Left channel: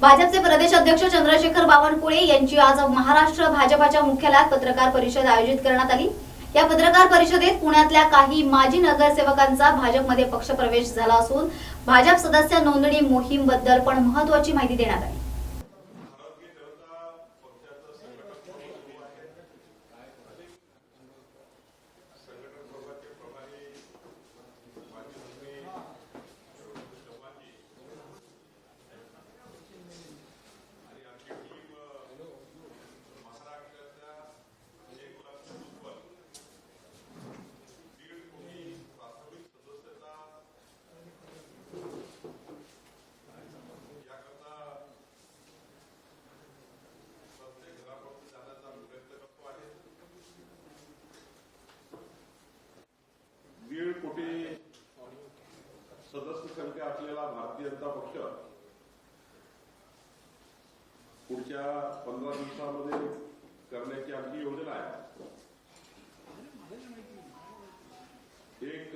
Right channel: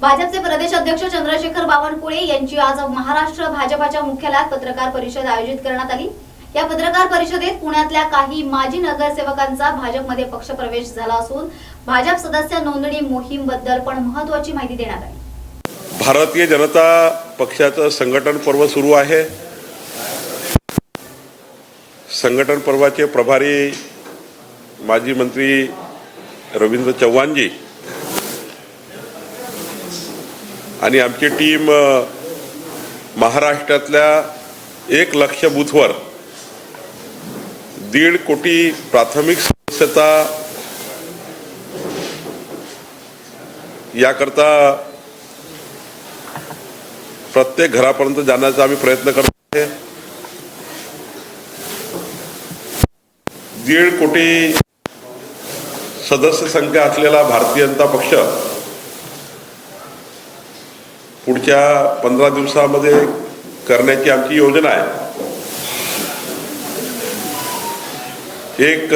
भाजपचे प्रदेश अध्यक्ष चंद्रशेखर बावनकुळे यांची आज महाराष्ट्र भाजपाच्या मुख्यालयात पत्रकार परिषद आयोजित करण्यात आली. या पत्रकार परिषदेत पुण्यातल्या काही माजी नगरसेवकांचा भाजपमध्ये पक्षप्रवेश झाला असून भाजप सदस्य नोंदणी मोहीमबद्दल पण महत्वाची माहिती देण्यात आली. भारतीय जनता पक्षाचं संघटन पर्व सुरू आहे. संघटन पर्वाचे प्रभारी माजी मंत्री रवींद्र चव्हाणजी आणि आमची टीम महाराष्ट्रातल्या एक लक्ष बूथवर दीड कोटी प्राथमिक सदस्यता याकरता प्रत्येक घरापर्यंत जाण्याचा आम्ही प्रयत्न करतो आहे. दीड कोटी सदस्य संख्या असलेला भारतीय जनता पक्ष पुढच्या पंधरा दिवसामध्ये करण्याची आमची योजना आहे. एक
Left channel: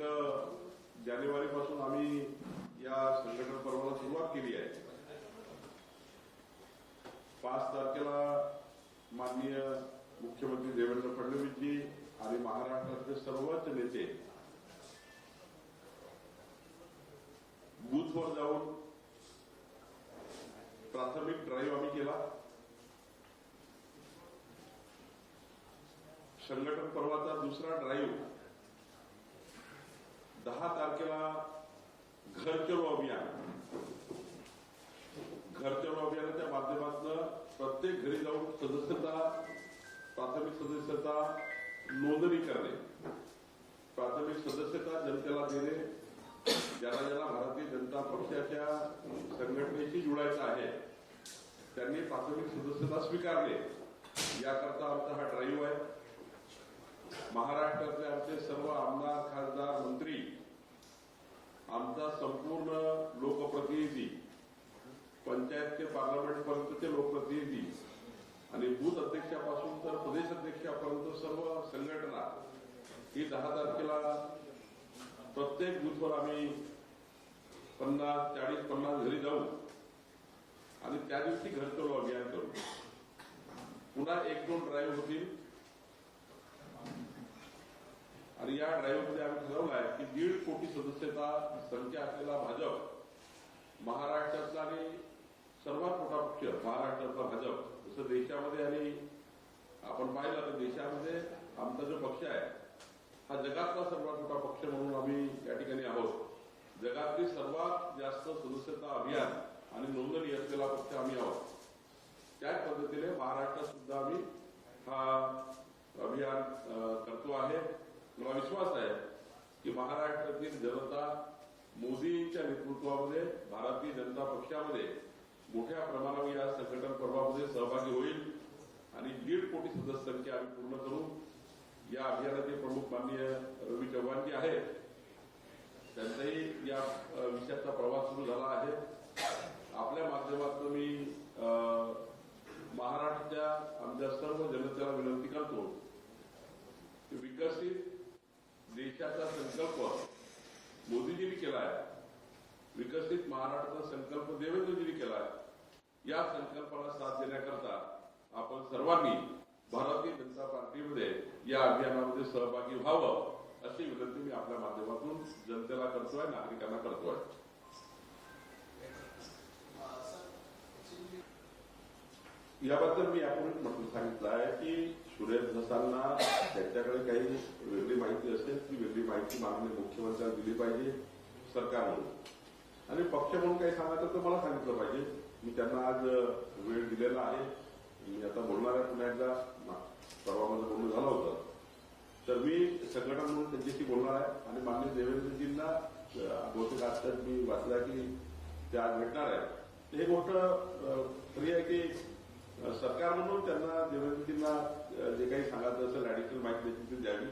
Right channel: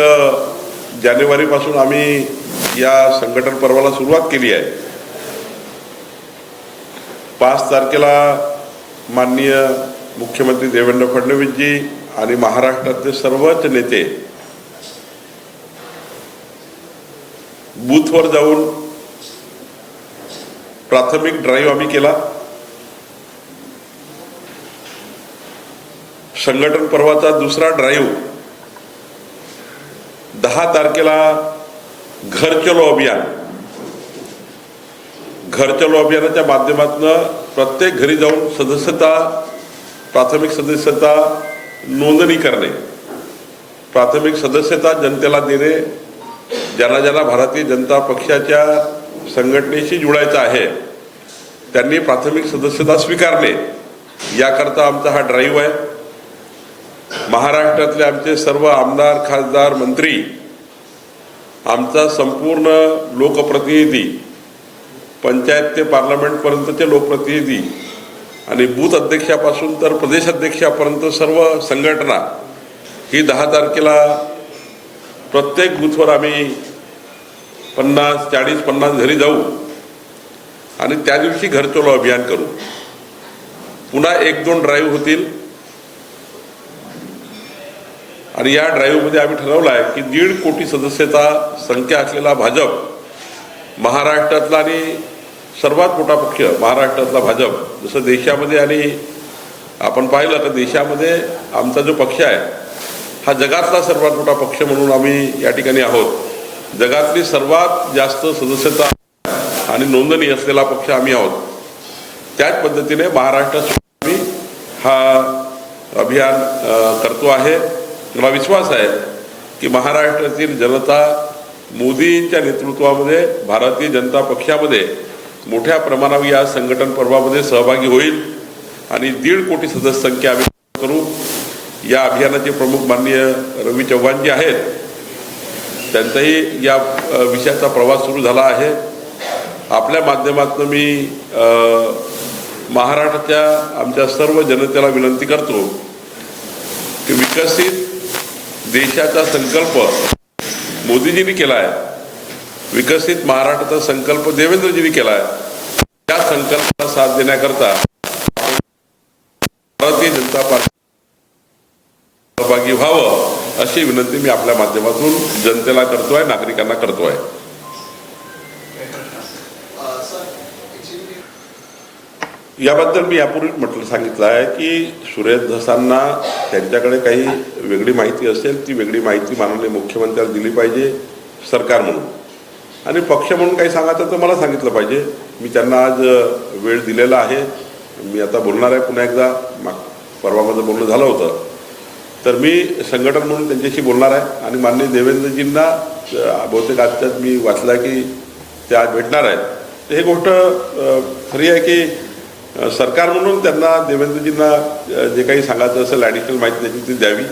जानेवारीपासून आम्ही या संघटन पर्वाला सुरुवात केली आहे. पाच तारखेला माननीय मुख्यमंत्री देवेंद्र फडणवीसजी आणि महाराष्ट्रातले सर्वच नेते बूथवर जाऊन प्राथमिक ड्राईव्ह आम्ही केला. संघटन पर्वाचा दुसरा ड्राईव्ह दहा तारखेला घर चलो अभियान. घर चलो अभियानाच्या माध्यमातून प्रत्येक घरी जाऊन सदस्यता प्राथमिक सदस्यता नोंदणी करणे. प्राथमिक सदस्यता जनतेला देणे. ज्यांना ज्यांना भारतीय जनता पक्षाच्या संघटनेशी जुळायचं आहे त्यांनी प्राथमिक सदस्यता स्वीकारणे याकरता आमचा हा ड्राईव्ह आहे. महाराष्ट्रातले आमचे सर्व आमदार खासदार मंत्री आमचा संपूर्ण लोकप्रतिनिधी पंचायत ते पार्लमेंटपर्यंतचे लोकप्रतिनिधी आणि बूथ अध्यक्षापासून तर प्रदेश अध्यक्षापर्यंत सर्व संघटना ही दहा तारखेला प्रत्येक बूथवर आम्ही पन्नास चाळीस पन्नास घरी जाऊ. आणि त्या दिवशी घरचोलो अभियान करू. पुन्हा एक दोन ड्राईव्ह होतील. आणि या ड्राईव्हमध्ये आम्ही ठरवलं आहे की दीड कोटी सदस्यता संख्या असलेला भाजप महाराष्ट्रातला आणि सर्वात मोठा पक्ष महाराष्ट्रातला भाजप जसं देशामध्ये आणि आपण पाहिलं तर देशामध्ये आमचा जो पक्ष आहे हा जगातला सर्वात मोठा पक्ष म्हणून आम्ही या ठिकाणी आहोत. जगातली सर्वात जास्त सदस्यता आणि नोंदणी असलेला पक्ष आम्ही आहोत. त्याच पद्धतीने महाराष्ट्रात सुद्धा आम्ही हा अभियान करतो आहे. मला विश्वास आहे की महाराष्ट्रातील जनता मोदींच्या नेतृत्वामध्ये भारतीय जनता पक्षामध्ये मोठ्या प्रमाणावर या संघटन पर्वामध्ये सहभागी होईल आणि दीड कोटी सदस्य संख्या आम्ही करू. या अभियानाचे प्रमुख माननीय रवी चव्हाण जे आहेत. त्यांचाही या विषयाचा प्रवास सुरू झाला आहे. आपल्या माध्यमातून मी महाराष्ट्राच्या आमच्या सर्व जनतेला विनंती करतो की विकसित देशाचा संकल्प मोदीजींनी केला आहे विकसित महाराष्ट्राचा संकल्प देवेंद्रजींनी केला आहे या संकल्पाला साथ देण्याकरता आपण सर्वांनी भारतीय जनता पार्टी सहभागी व्हावं अशी विनंती मी आपल्या माध्यमातून जनतेला करतोय नागरिकांना करतोय. याबद्दल मी यापूर्वी म्हटलं सांगितलं आहे की सुरेश धसांना त्यांच्याकडे काही वेगळी माहिती असेल ती वेगळी माहिती माननीय मुख्यमंत्र्यांना दिली पाहिजे सरकार म्हणून. आणि पक्ष म्हणून काही सांगायचं तर मला सांगितलं पाहिजे. मी त्यांना आज वेळ दिलेला आहे. मी आता बोलणार आहे पुन्हा एकदा. माग माझं बोलणं झालं होतं. तर मी संघटन म्हणून त्यांच्याशी बोलणार आहे. आणि माननीय देवेंद्रजींना बहुतेक आजच्याच मी वाचलं आहे की ते आज भेटणार आहेत. तर हे गोष्ट खरी आहे की सरकार म्हणून त्यांना देवेंद्रजींना जे काही सांगायचं असेल ॲडिशनल माहिती त्याची ती द्यावी.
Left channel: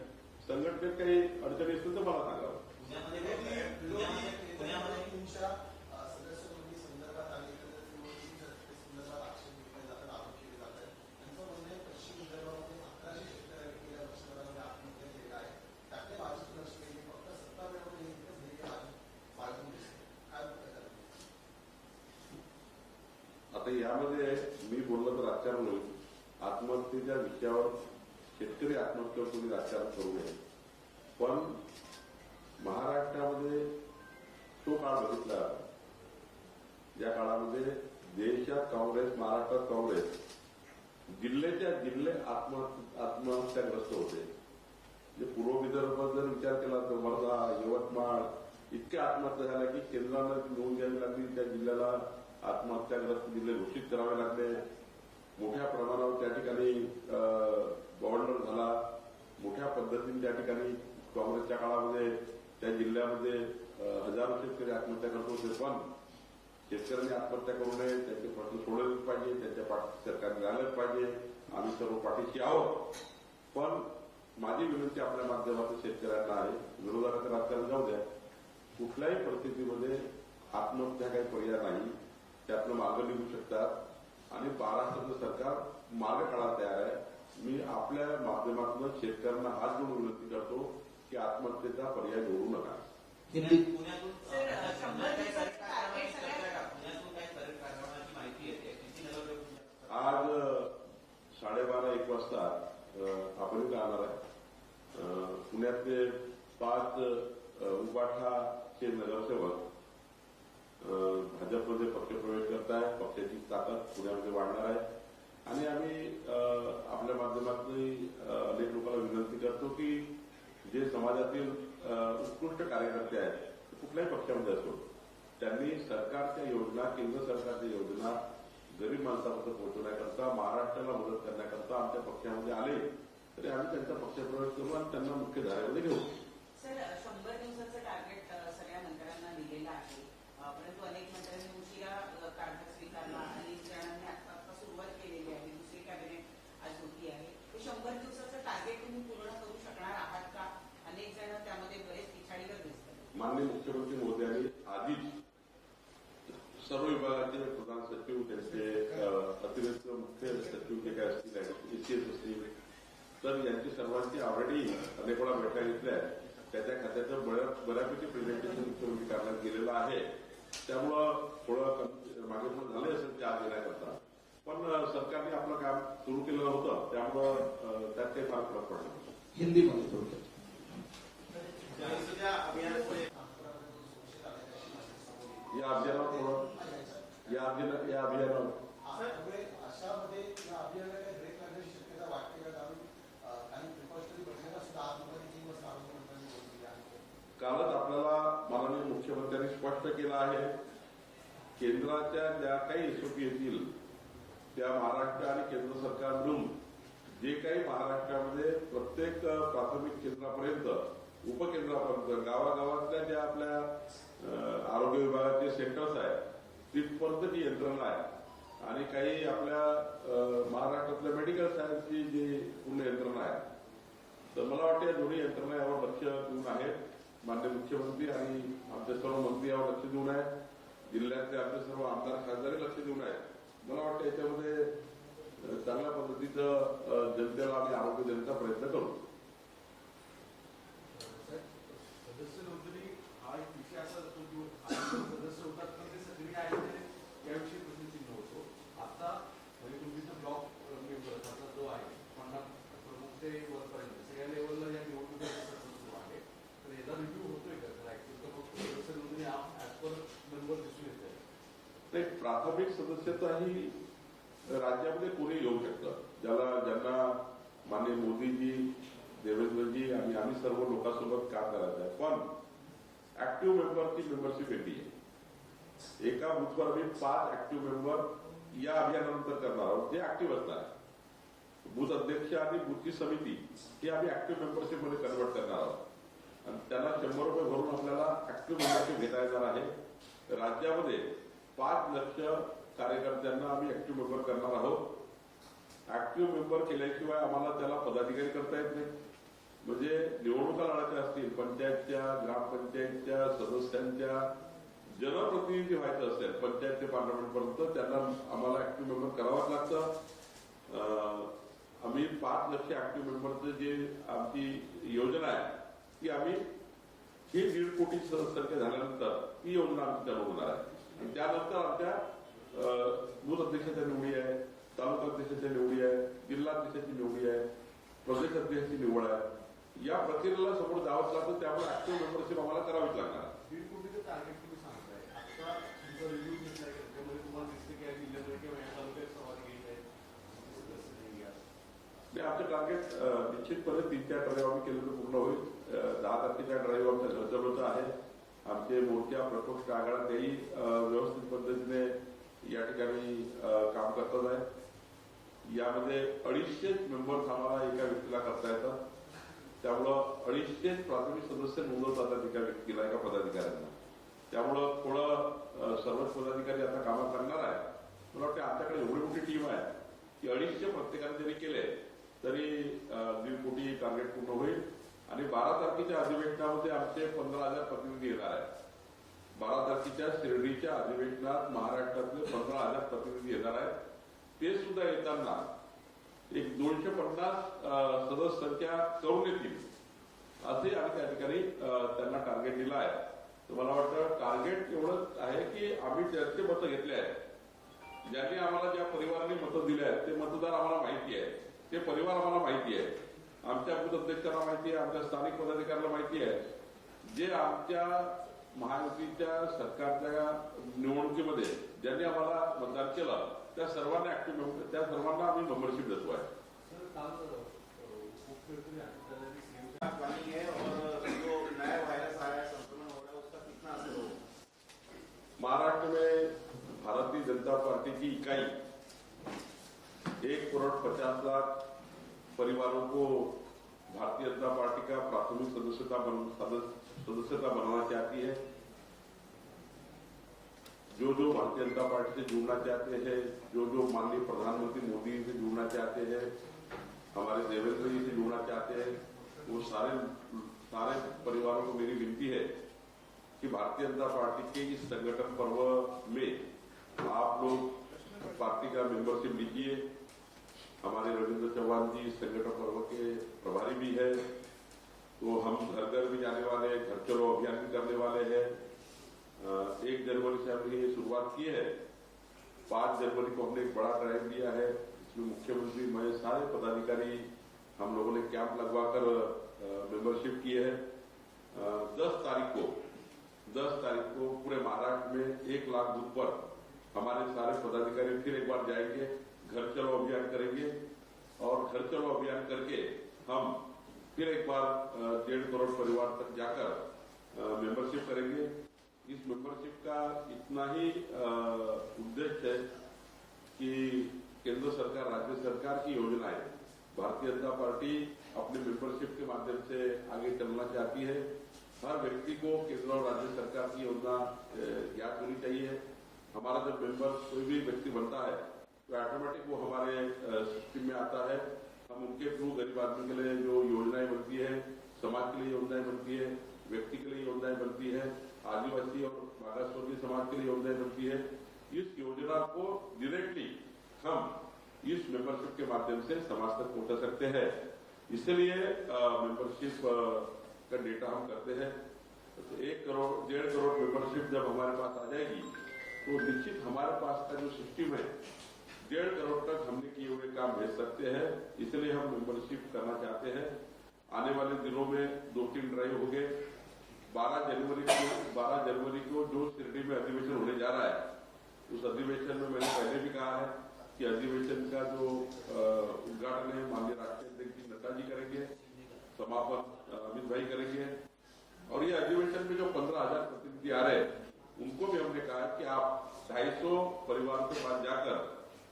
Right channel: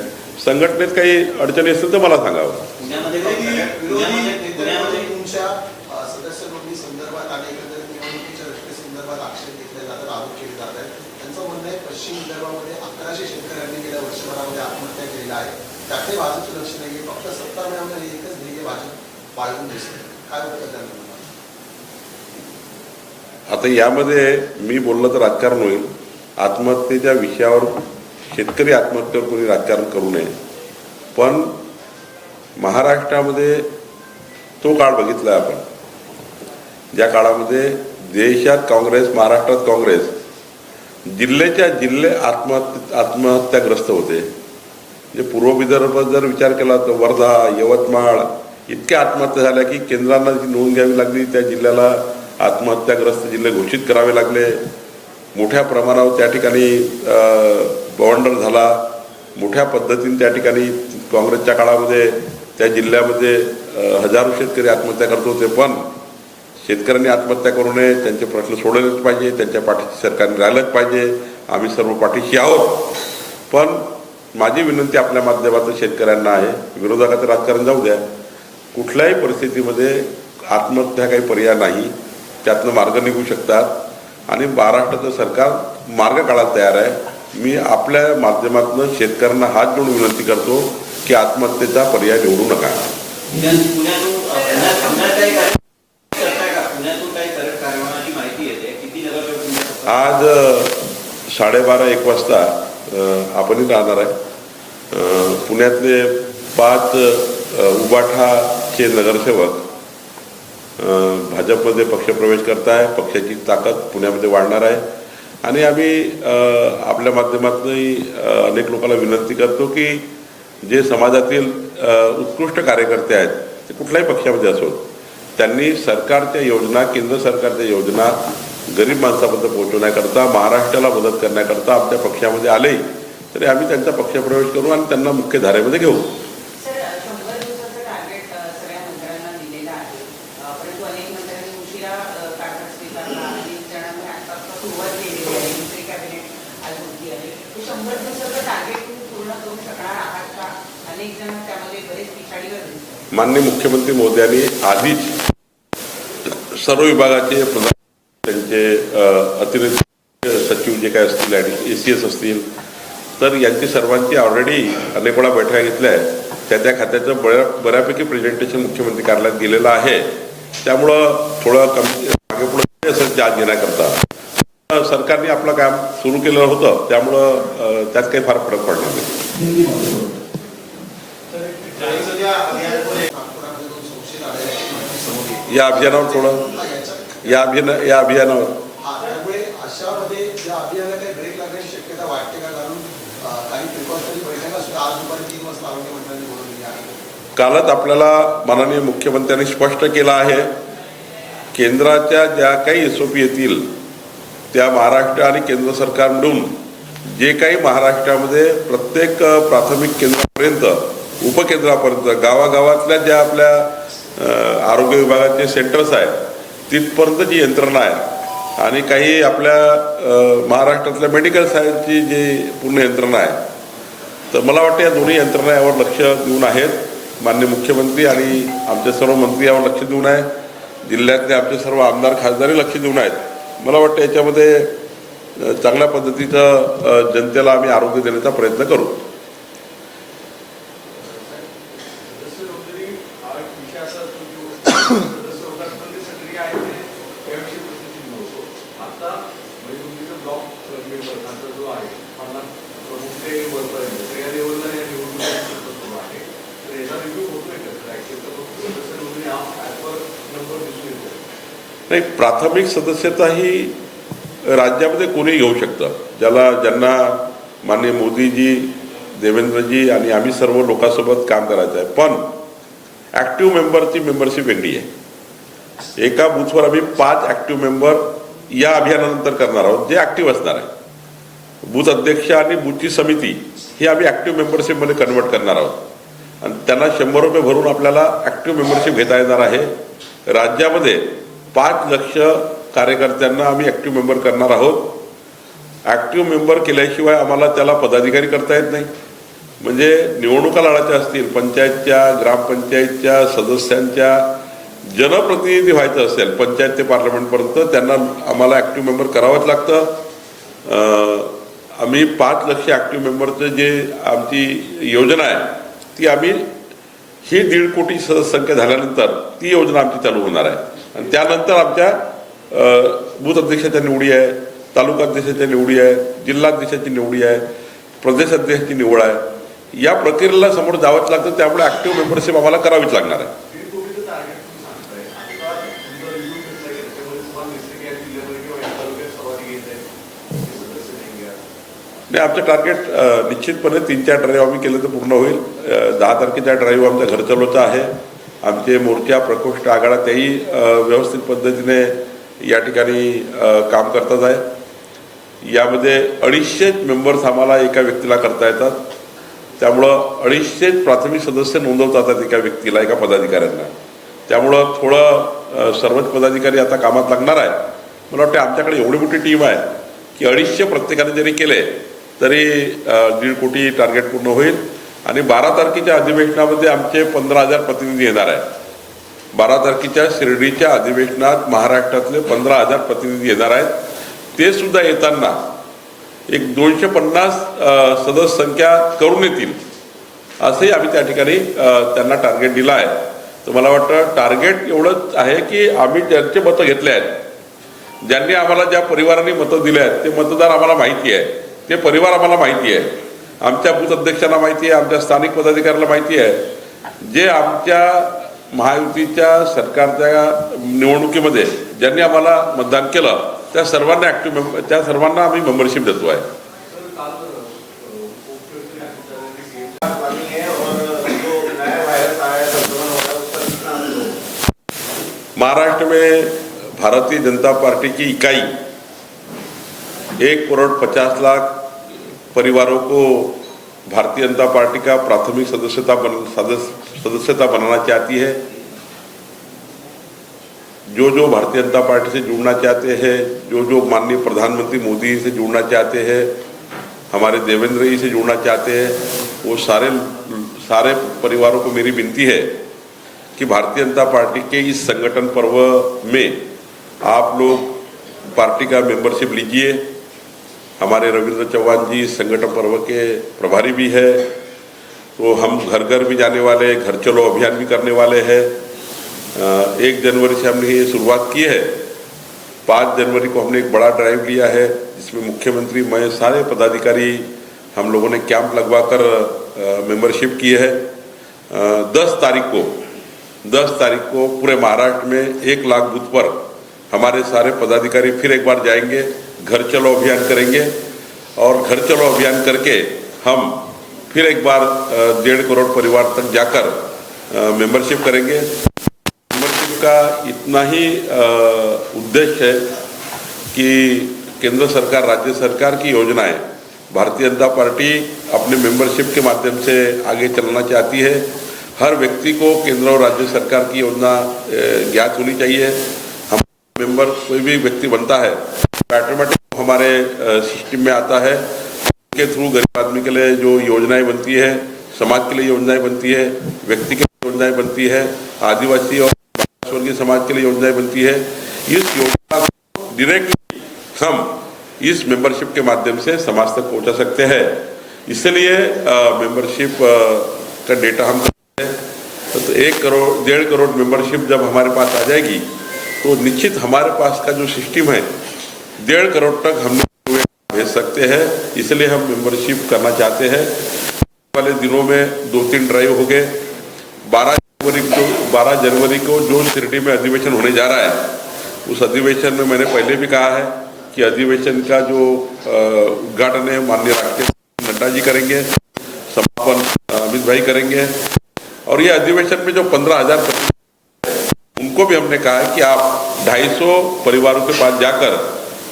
संघटनेत काही अडचणी असतील तर मला सांगावं पुण्यामध्ये विरोधी पुण्यामध्ये विरोधी पुण्यामध्ये तुमच्या अ, सदस्य नोंदणी संदर्भात आणि एकंदरीत निवडणुकीच्या रचनेसंदर्भात आक्षेप घेतले जातात आरोप केले जात आहेत त्यांचं म्हणणं आहे पश्चिम विदर्भामध्ये अकराशे शेतकऱ्यांनी गेल्या वर्षभरामध्ये आत्महत्या केलेल्या आहेत त्याकडे भाजपचं लक्ष नाही फक्त सत्ता मिळवणं हे एकच ध्येय भाजप बाळगून दिसते काय होतं त्यांना आता यामध्ये मी बोललं तर राजकारण होईल. आत्महत्येच्या विषयावर शेतकरी आत्महत्येवर कोणी राजकारण करू नये. पण महाराष्ट्रामध्ये तो काळ बघितला आपण. ज्या काळामध्ये देशात काँग्रेस महाराष्ट्रात काँग्रेस जिल्ह्याच्या जिल्हे आत्महत्या आत्महत्याग्रस्त होते. जे पूर्व विदर्भ जर विचार केला तर वर्धा यवतमाळ इतक्या आत्महत्या झाल्या की केंद्रांना जी नोंद घ्यावी लागली त्या जिल्ह्याला आत्महत्याग्रस्त जिल्हे घोषित करावे लागले. मोठ्या प्रमाणावर त्या ठिकाणी बवंडर झाला. मोठ्या पद्धतीने त्या ठिकाणी काँग्रेसच्या काळामध्ये त्या जिल्ह्यामध्ये हजारो शेतकरी आत्महत्या करत होते. पण शेतकऱ्यांनी आत्महत्या करू नये त्यांचे प्रश्न सोडवलेच पाहिजे त्यांच्या पाठीशी सरकारने राहिलंच पाहिजे. आम्ही सर्व पाठीशी आहोत. पण माझी विनंती आपल्या माध्यमातून शेतकऱ्यांना आहे. विरोधकाचं राजकारण जाऊ द्या. कुठल्याही परिस्थितीमध्ये आत्महत्या काही पर्याय नाही त्यातनं मार्ग निघू शकतात. आणि महाराष्ट्राचं सरकार मार्ग काढायला तयार आहे. मी आपल्या माध्यमातून शेतकऱ्यांना हात जोडून विनंती करतो की आत्महत्येचा पर्याय निवडू नका? आज साडेबारा एक वाजता आपणही राहणार आहे. पुण्यातले पाच उबाठाचे नगरसेवक भाजपमध्ये पक्षप्रवेश करताय पक्षाची ताकद पुण्यामध्ये वाढणार आहे. आणि आम्ही आपल्या माध्यमातूनही अनेक लोकांना विनंती करतो की जे समाजातील उत्कृष्ट कार्यकर्ते आहेत ते कुठल्याही पक्षामध्ये असोत त्यांनी सरकारच्या योजना केंद्र सरकारच्या योजना गरीब माणसापर्यंत पोहोचवण्याकरता महाराष्ट्राला मदत करण्याकरता आमच्या पक्षामध्ये आले तरी आम्ही त्यांचा पक्षप्रवेश करू आणि त्यांना मुख्य धारेमध्ये घेऊ सर शंभर दिवसाचं टार्गेट अ, सगळ्या मंत्र्यांना दिलेलं आहे अ, परंतु अनेक मंत्र्यांनी उशिरा अ, कारभार स्वीकारला अनेक जणांनी आतापासून सुरुवात केलेली आहे दुसरी कॅबिनेट आज होती आहे ते शंभर दिवसाचं टार्गेट तुम्ही पूर्ण करू शकणार आहात का अनेक जण त्यामध्ये बरेच पिछाडीवर दिसतात माननीय मुख्यमंत्री मोदी आधीच सर्व विभागाचे प्रधान सचिव त्यांचे अतिरिक्त मुख्य सचिव जे काय असतील आणि ए सी एस असतील तर यांची सर्वांची ऑलरेडी अनेक वेळा बैठका घेतल्या आहेत. त्या त्या खात्याचं बऱ्या बऱ्यापैकी प्रेझेंटेशन मुख्यमंत्री कार्यालयात दिलेलं आहे. त्यामुळं थोडं कमी मागे पुढे असेल चार्ज घेण्याकरता. पण सरकारने आपलं काम सुरू केलं होतं. त्यामुळं त्यात काही फार फरक पडला नाही सध्या अभियानामध्ये नागपुरामध्ये दोन संशयित आढळले आहेत. माहिती समोर येते. या अभियानावर थोडं या अभियान या अभियानावर. हा, कालच आपल्याला माननीय मुख्यमंत्र्यांनी स्पष्ट केलं आहे केंद्राच्या ज्या काही एस ओ पी येतील त्या महाराष्ट्र आणि केंद्र सरकार मिळून जे काही महाराष्ट्रामध्ये प्रत्येक प्राथमिक केंद्रापर्यंत उपकेंद्रापर्यंत गावागावातल्या ज्या आपल्या आरोग्य विभागाचे सेंटर्स आहेत तिथपर्यंत जी यंत्रणा आहे आणि काही आपल्या महाराष्ट्रातल्या मेडिकल सायन्सची जी पूर्ण यंत्रणा आहे तर मला वाटतं या दोन्ही यंत्रणा यावर लक्ष देऊन आहेत. मान्य मुख्यमंत्री आणि आमचे सर्व मंत्री यावर लक्ष देऊन आहे. जिल्ह्यातले आमचे सर्व आमदार खासदारही लक्ष देऊन आहेत. मला वाटतं याच्यामध्ये चांगल्या पद्धतीचं जनतेला आम्ही आरोग्य देण्याचा प्रयत्न करू सदस्य नोंदणी हा एक विषय असा असतो की सदस्य लोकांमध्ये सक्रिय आहे ते त्याविषयी परिस्थिती नव्हतो आता म्हणजे तुमचं ब्लॉक मेंबर जो आहे पन्नास प्रमुख ते वरपर्यंत तर या लेवलला या निवडणुका सुरू आहे तर याचा रिव्ह्यू होतोय का ऍक्च्युअली तर मग सदस्य नोंदणी हा ऍज पर नंबर दिसून येतो नाही प्राथमिक सदस्यता ही राज्यामध्ये कोणी घेऊ शकतं? ज्याला ज्यांना माननीय मोदीजी देवेंद्रजी आणि आम्ही सर्व लोकांसोबत काम करायचं आहे. पण ॲक्टिव्ह मेंबरची मेंबरशिप वेगळी आहे. एका बूथवर आम्ही पाच ॲक्टिव्ह मेंबर या अभियानानंतर करणार आहोत जे ॲक्टिव्ह असणार आहे. बूथ अध्यक्ष आणि बूथची समिती ही आम्ही ॲक्टिव्ह मेंबरशिपमध्ये कन्वर्ट करणार आहोत. आणि त्यांना शंभर रुपये भरून आपल्याला ॲक्टिव्ह मेंबरशिप घेता येणार आहे. राज्यामध्ये पाच लक्ष कार्यकर्त्यांना आम्ही ॲक्टिव्ह मेंबर करणार आहोत. ॲक्टिव्ह मेंबर केल्याशिवाय आम्हाला त्याला पदाधिकारी करता येत नाही. म्हणजे निवडणुका लढायच्या असतील पंचायतच्या ग्रामपंचायतच्या सदस्यांच्या जनप्रतिनिधी व्हायचं असेल पंचायत ते पार्लमेंटपर्यंत त्यांना आम्हाला ॲक्टिव्ह मेंबर करावंच लागतं. आम्ही पाच लक्ष ॲक्टिव्ह मेंबरचं जे आमची योजना आहे ती आम्ही ही दीड कोटी सदस्य संख्या झाल्यानंतर ती योजना आमची चालू होणार आहे. आणि त्यानंतर आमच्या बूथ अध्यक्षाच्या निवडी आहे तालुका अध्यक्षाच्या निवडी आहे जिल्हाध्यक्षाची निवडी आहे प्रदेश अध्यक्षाची निवड आहे. या प्रक्रियेला समोर जावंच लागतं त्यामुळे ऍक्टिव्ह मेंबरशिप आम्हाला करावीच लागणार आहे. नाही आमचं टार्गेट निश्चितपणे तीन चार ड्राईव्ह आम्ही केलं तर पूर्ण होईल. दहा तारखेचा ड्राईव्ह आमच्या घर चालवचा आहे. आमचे मोर्चा प्रकोष्ठ आघाडा त्याही व्यवस्थित पद्धतीने या ठिकाणी काम करतात आहे. यामध्ये अडीचशे मेंबर्स आम्हाला एका व्यक्तीला करता येतात. त्यामुळं अडीचशे प्राथमिक सदस्य नोंदवतात एका व्यक्तीला एका पदाधिकाऱ्यांना. त्यामुळं थोडं सर्वच पदाधिकारी आता कामात लागणार आहे मला वाटतं आमच्याकडे एवढी मोठी टीम आहे की अडीचशे प्रत्येकाने जरी केले तरी दीड कोटी टार्गेट पूर्ण होईल. आणि बारा तारखेच्या अधिवेशनामध्ये आमचे पंधरा हजार प्रतिनिधी येणार आहे बारा तारखेच्या शिर्डीच्या अधिवेशनात महाराष्ट्रातले पंधरा हजार प्रतिनिधी येणार आहेत. ते सुद्धा येताना एक दोनशे पन्नास सदस्य संख्या करून येतील असंही आम्ही त्या ठिकाणी त्यांना टार्गेट दिलं आहे. तर मला वाटतं टार्गेट एवढंच आहे की आम्ही ज्यांचे मतं घेतले आहेत ज्यांनी आम्हाला ज्या परिवारांनी मतं दिले आहेत ते मतदार आम्हाला माहिती आहे. ते परिवार आम्हाला माहिती आहे. आमच्या बूथ अध्यक्षांना माहिती आहे आमच्या स्थानिक पदाधिकाऱ्याला माहिती आहे. जे आमच्या महायुतीच्या सरकारच्या निवडणुकीमध्ये ज्यांनी आम्हाला मतदान केलं त्या सर्वांना ॲक्टिव्ह मेंबर त्या सर्वांना आम्ही मेंबरशिप देतो आहे. महाराष्ट्र में भारतीय जनता पार्टी की इकाई एक करोड़ पचास लाख परिवारों को भारतीय जनता पार्टी का प्राथमिक सदस्यता बन सदस्य सदस्यता बनाना चाहती है। जो जो भारतीय जनता पार्टी से जुड़ना चाहते हैं जो जो माननीय प्रधानमंत्री मोदी से जुड़ना चाहते हैं, हमारे देवेंद्र जी से जुड़ना चाहते हैं, वो सारे सारे परिवारों को मेरी विनती है कि भारतीय जनता पार्टी के इस संगठन पर्व में आप लोग पार्टी का मेंबरशिप लीजिए। हमारे रविंद्र चौहान जी संगठन पर्व के प्रभारी भी है। तो हम घर घर भी जाने वाले घर चलो अभियान भी करने वाले हैं। एक जनवरी से हमने ये शुरुआत की है। पाँच जनवरी को हमने एक बड़ा ड्राइव लिया है, जिसमें मुख्यमंत्री, मैं, सारे पदाधिकारी हम लोगों ने कैंप लगवा कर मेंबरशिप की है। दस तारीख को, दस तारीख को पूरे महाराष्ट्र में एक लाख बूथ पर हमारे सारे पदाधिकारी फिर एक बार जाएँगे। घर चलो अभियान करेंगे और घर चलो अभियान करके हम फिर एक बार डेढ़ करोड़ परिवार तक जाकर मेंबरशिप करेंगे। मेंबरशिप का इतना ही उद्देश्य है कि केंद्र सरकार, राज्य सरकार की योजनाएँ भारतीय जनता पार्टी अपने मेंबरशिप के माध्यम से आगे चलना चाहती है। हर व्यक्ति को केंद्र और राज्य सरकार की योजना ज्ञात होनी चाहिए। मेंबर कोई भी व्यक्ति बनता है ऑटोमेटिक हमारे सिस्टम में आता है। उनके थ्रू गरीब आदमी के लिए जो योजनाएँ बनती है समाज के लिए योजनाएँ बनती है व्यक्ति के लिए योजनाएँ बनती है आदिवासी और स्वर्गीय समाज के लिए योजनाएँ बनती है इस योजना को डायरेक्टली हम इस मेंबरशिप के माध्यम से समाज तक पहुँचा सकते हैं। इसलिए मेंबरशिप का डेटा हम करते हैं। तो, तो एक करोड़ डेढ़ करोड़ मेंबरशिप जब हमारे पास आ जाएगी तो निश्चित हमारे पास का जो सिस्टम है, डेढ़ करोड़ तक हमने भेज सकते हैं, इसलिए हम मेंबरशिप करना चाहते हैं। आने वाले दिनों में दो तीन ड्राइव हो गए बारह जनवरी को, बारह जनवरी को जो शिरडी में अधिवेशन होने जा रहा है, उस अधिवेशन में मैंने पहले भी कहा है कि अधिवेशन का जो उद्घाटन है, माननीय अध्यक्ष नड्डा जी करेंगे, समापन अमित भाई करेंगे। और ये अधिवेशन में जो पंद्रह हज़ार उनको भी हमने कहा है कि आप 250 परिवारों के पास जाकर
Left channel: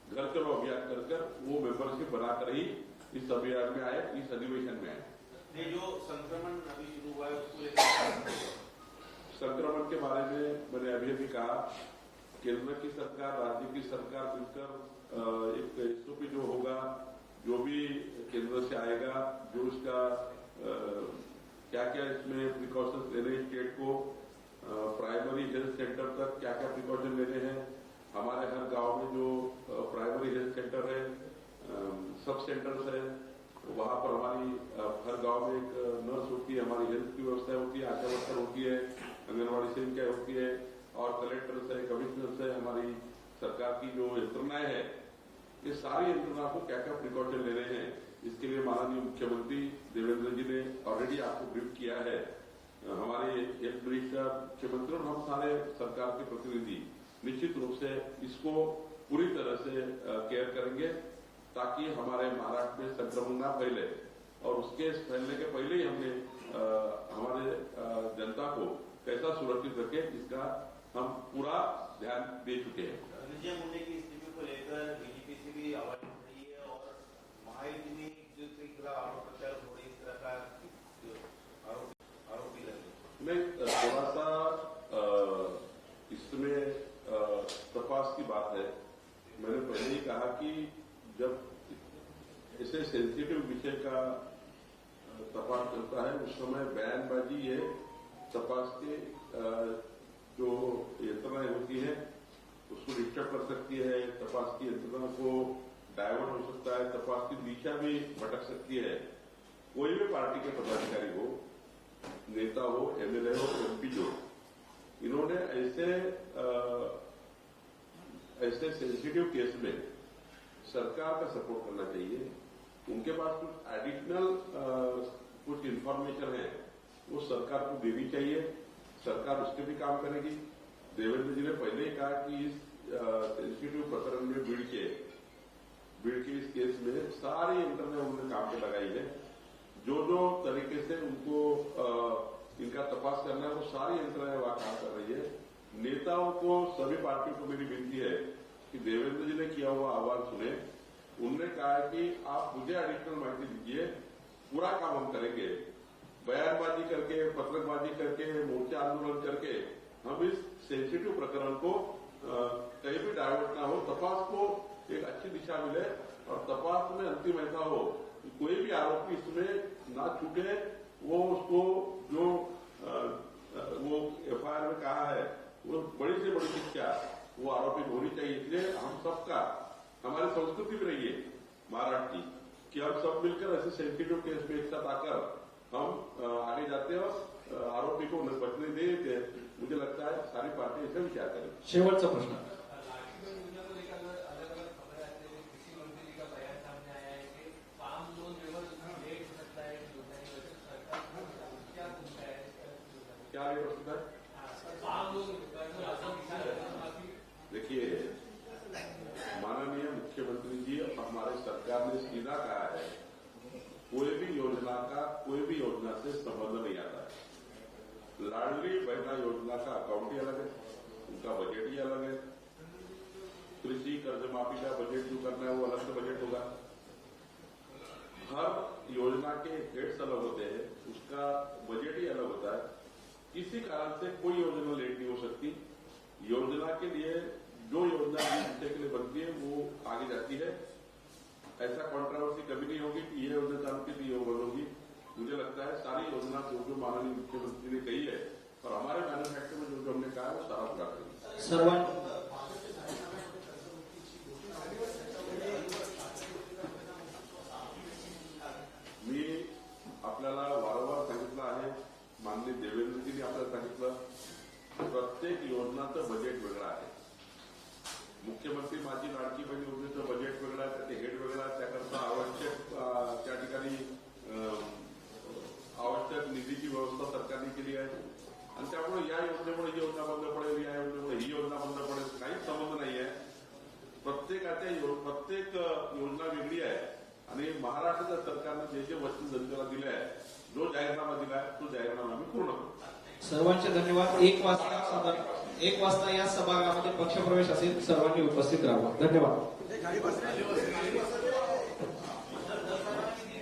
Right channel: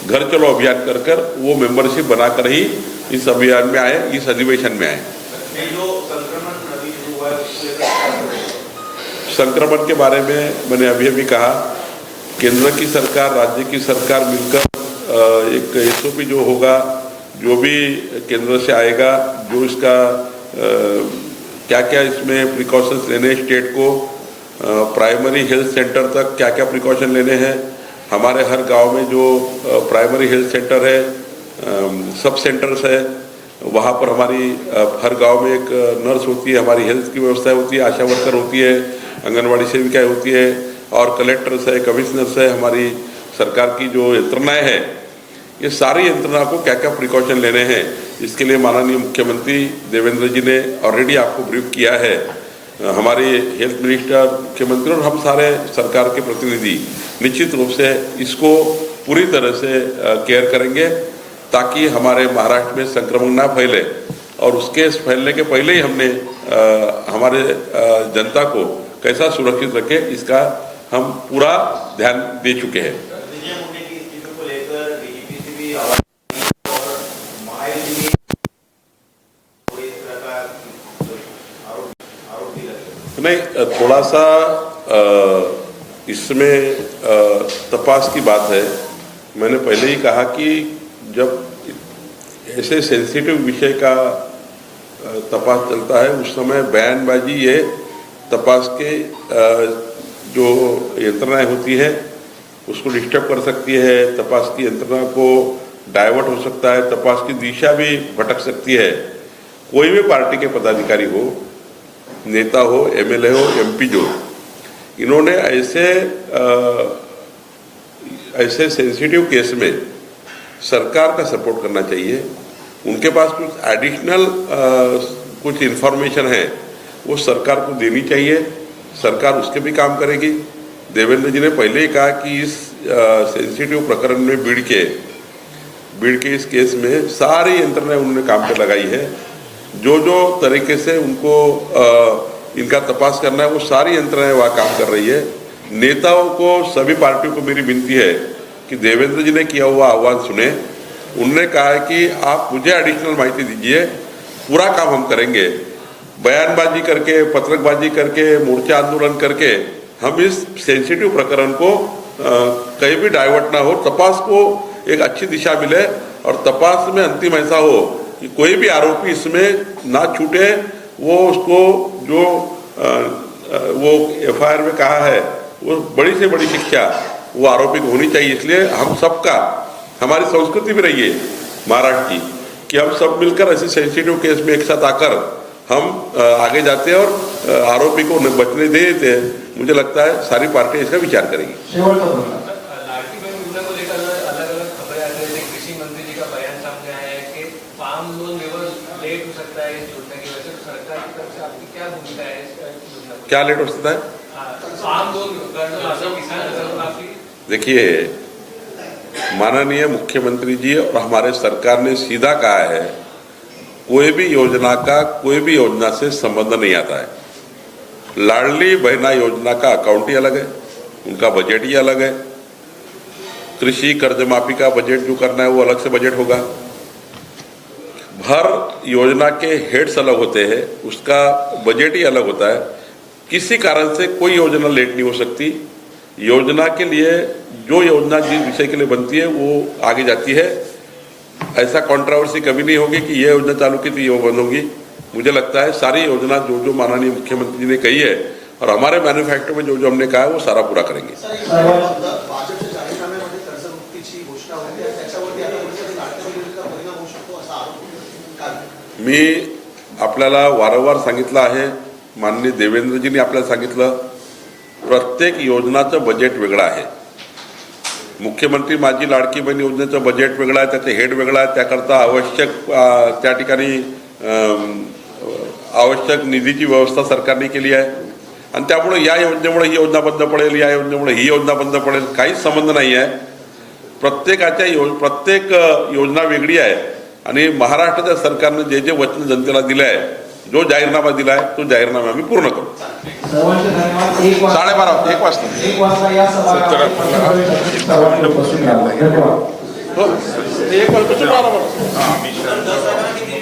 घर चलो अभियान कर कर वो मेंबरशिप बनाकर ही इस अभियान में आए, इस अधिवेशन में आए? संक्रमण के बारे में मैंने अभी अभी कहा, केंद्र की सरकार, राज्य की सरकार मिलकर एक एसओपी जो होगा, जो भी केंद्र से आएगा, जो इसका क्या क्या इसमें प्रिकॉशंस लेने स्टेट को प्राइमरी हेल्थ सेंटर तक क्या क्या प्रिकॉशन लेने हैं? हमारे हर गाँव में जो प्राइमरी हेल्थ सेंटर है सब सेंटर्स है, वहाँ पर हमारी हर गाँव में एक नर्स होती है, हमारी हेल्थ की व्यवस्था होती है, आशा वर्कर होती है आंगनबाड़ी सेविकाएँ होती है, और कलेक्टर्स है कमिश्नर्स है, हमारी सरकार की जो यंत्रणाएँ हैं, ये सारी यंत्रणा को क्या क्या प्रिकॉशन लेने हैं? इसके लिए माननीय मुख्यमंत्री देवेंद्र जी ने ऑलरेडी आपको ब्रीफ किया है। हमारे हेल्थ मिनिस्टर मुख्यमंत्री और हम सारे सरकार के प्रतिनिधि निश्चित रूप से इसको पूरी तरह से केयर करेंगे ताकि हमारे महाराष्ट्र में संक्रमण ना फैले। और उसके फैलने के पहले ही हमने अ, हमारे जनता को कैसा सुरक्षित रखे इसका हम पूरा ध्यान दे चुके हैं विजय मुंडे की इस्तीफे को लेकर बीजेपी से भी आवाज़ आई है और मायावती ने इस तरह आरोप प्रत्यारोप थोड़े इस तरह का आरोप आरोप भी लगे नहीं थोड़ा सा इसमें तपास की बात है। मैंने पहले ही कहा कि जब ऐसे सेंसिटिव विषय का तपास चलता है, उस समय बयानबाजी ये तपास के जो यंत्रणाएँ होती है, उसको डिस्टर्ब कर सकती है, तपास की यंत्रणा को डाइवर्ट हो सकता है, तपास की दिशा भी भटक सकती है। कोई भी पार्टी के पदाधिकारी हो नेता हो एमएलए हो एमपी जो इन्होंने ऐसे अ, ऐसे सेंसिटिव केस में सरकार का सपोर्ट करना चाहिए। उनके पास कुछ एडिशनल कुछ इन्फॉर्मेशन है वो सरकार को देनी चाहिए। सरकार उसके भी काम करेगी। देवेंद्र जी ने पहले ही कहा कि इस सेंसिटिव प्रकरण में बीड़ के बीड़ के इस केस में सारी यंत्रणाएँ उन्होंने काम पर लगाई है। जो जो तरीके से उनको अ, इनका तपास करना है वो सारी यंत्रणाएँ वहाँ काम कर रही है। नेताओं को सभी पार्टियों को मेरी विनती है कि देवेंद्र जी ने किया हुआ आह्वान सुने। उन्होंने कहा है कि आप मुझे एडिशनल माहिती दीजिए पूरा काम हम करेंगे। बयानबाजी करके पत्रकबाजी करके मोर्चा आंदोलन करके हम इस सेंसिटिव प्रकरण को कहीं भी डाइवर्ट ना हो। तपास को एक अच्छी दिशा मिले और तपास में अंतिम ऐसा हो कि कोई भी आरोपी इसमें ना छूटे वो उसको जो अ, अ, वो एफआईआर में कहा है वो बड़ी से बड़ी शिक्षा वो आरोपी को होनी चाहिए। इसलिए हम सबका हमारी संस्कृति भी रही है महाराष्ट्र की कि हम सब मिलकर ऐसे सेंसिटिव केस में एक साथ आकर हम आगे जाते हैं और आरोपी को बचने दे देते हैं। मुझे लगता है सारी पार्टी इसका विचार करेगी शेवटचा प्रश्न लाड़की बहन योजना को लेकर अलग अलग खबरें आ रही है कृषि मंत्री जी का बयान सामने आया है कि फार्म लोन लेवल लेट हो सकता है इस योजना की वजह से तो सरकार की तरफ़ से आपकी क्या भूमिका है इस योजना को क्या लेट हो सकता है? देखिए, माननीय मुख्यमंत्री जी और हमारे सरकार ने सीधा कहा है, कोई भी योजना का, कोई भी योजना से संबंध नहीं आता है। लाडली बहना योजना का अकाउंट ही अलग है, उनका बजट ही अलग है। कृषि कर्ज माफ़ी का बजट जो करना है, वो अलग से बजट होगा। हर योजना के हेड्स अलग होते हैं, उसका बजट ही अलग होता है। किसी कारण से कोई योजना लेट नहीं हो सकती। योजना के लिए जो योजना जिस विषय के लिए बनती है वो आगे जाती है। ऐसा कंट्रोवर्सी कभी नहीं होगी कि ये योजना चालू की थी ये बंद होगी। मुझे लगता है सारी योजना जो जो माननीय मुख्यमंत्री जी ने कही है और हमारे मैन्युफैक्चर में जो जो हमने कहा है वो सारा पूरा करेंगे। मी आपल्याला वारंवार सांगितलं आहे माननीय देवेंद्रजींनी आपल्याला सांगितलं प्रत्येक योजनाचं बजेट वेगळं आहे. मुख्यमंत्री माझी लाडकी बहीण योजनेचं बजेट वेगळं आहे त्याचं हेड वेगळं आहे त्याकरता आवश्यक त्या ठिकाणी आवश्यक निधीची व्यवस्था सरकारने केली आहे. आणि त्यामुळे या योजनेमुळे ही योजना बंद पडेल या योजनेमुळे ही योजना बंद पडेल काहीच संबंध नाही आहे. प्रत्येकाच्या यो प्रत्येक योजना वेगळी आहे. आणि महाराष्ट्राच्या सरकारनं जे जे वचन जनतेला दिलं आहे जो जाहीरनामा दिला आहे तो जाहीरनामा आम्ही पूर्ण करू. साडेबारा वाजता एक वाजता. एक हो. वाजता